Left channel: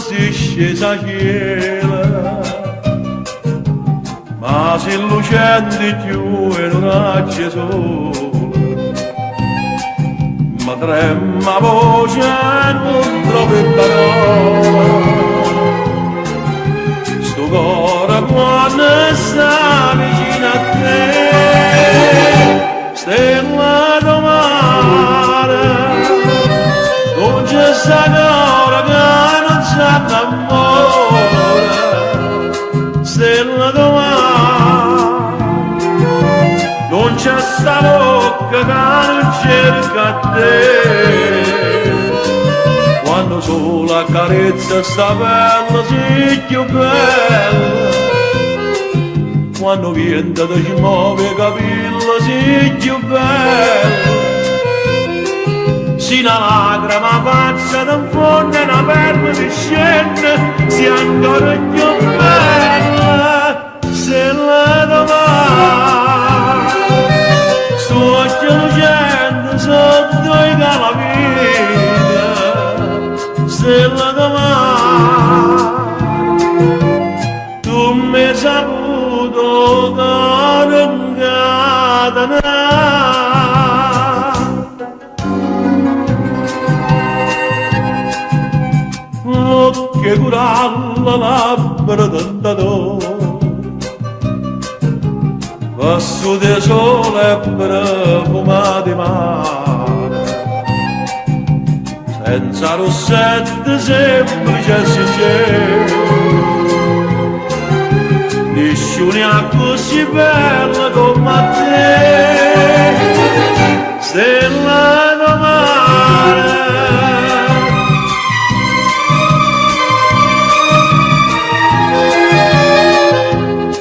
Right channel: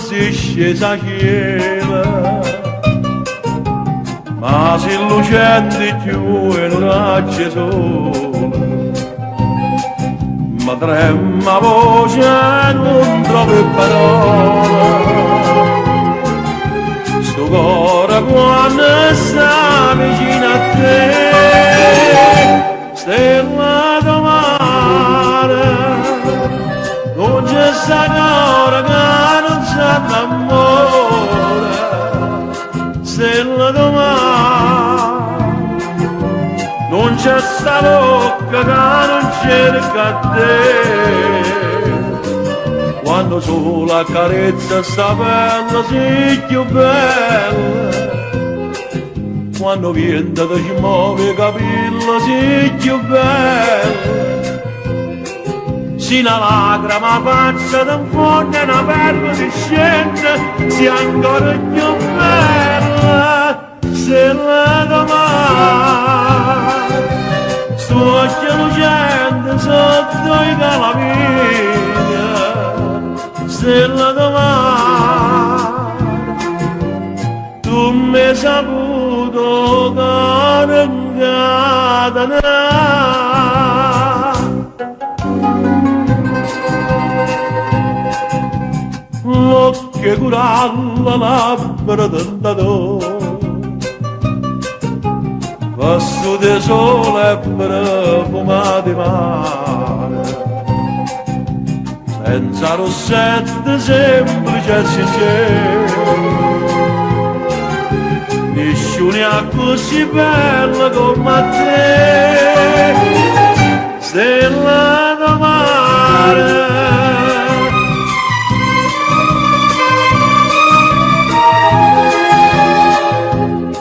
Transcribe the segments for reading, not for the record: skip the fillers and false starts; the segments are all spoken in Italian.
si è scesa chiera, ma se lucente più e non ha acceso. Ma trema voce e non trovo parole, sto cuore quando sta vicino a te, stella do mare, non c'è sta cuore che non s'annamora, stella do mare, non c'è sta bocca che non cerca a te, quando solo accarezza sta bella sì più bella, quando viene da ci muove capello sì più bella, si una lacrima faccia da fondo e una perla di scende, si ancora più bella, se la domani. Occhio lucente sotto i calamita, stella domani, tu mi hai saputo che non l'occhio curalla labbra tentato, passo di sole e profumati mare, senza rossetto semplice e sincero, nessuno così bella come te, stella da mare.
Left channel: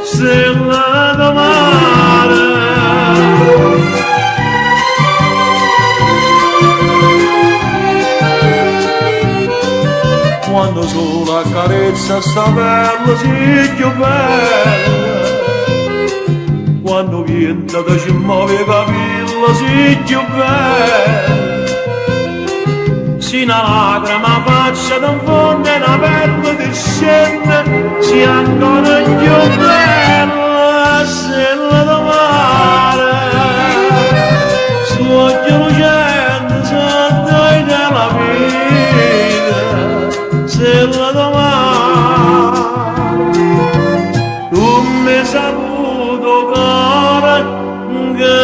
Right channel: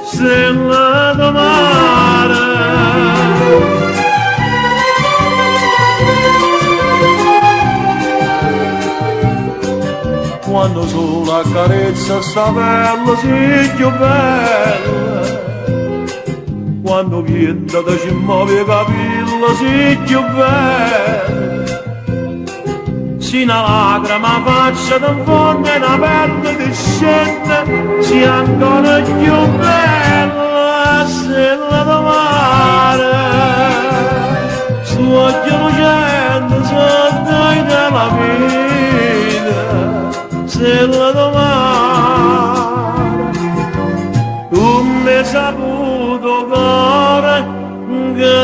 Stella da mare, quando solo accarezza sta bella sì più bella, quando viene da ci muove capello sì più bella, si una lacrima faccia da fondo e una perla di scende, si ancora più bella, stella da mare, su occhio lucente sotto i calamita, stella da mare, tu mi hai saputo cuore che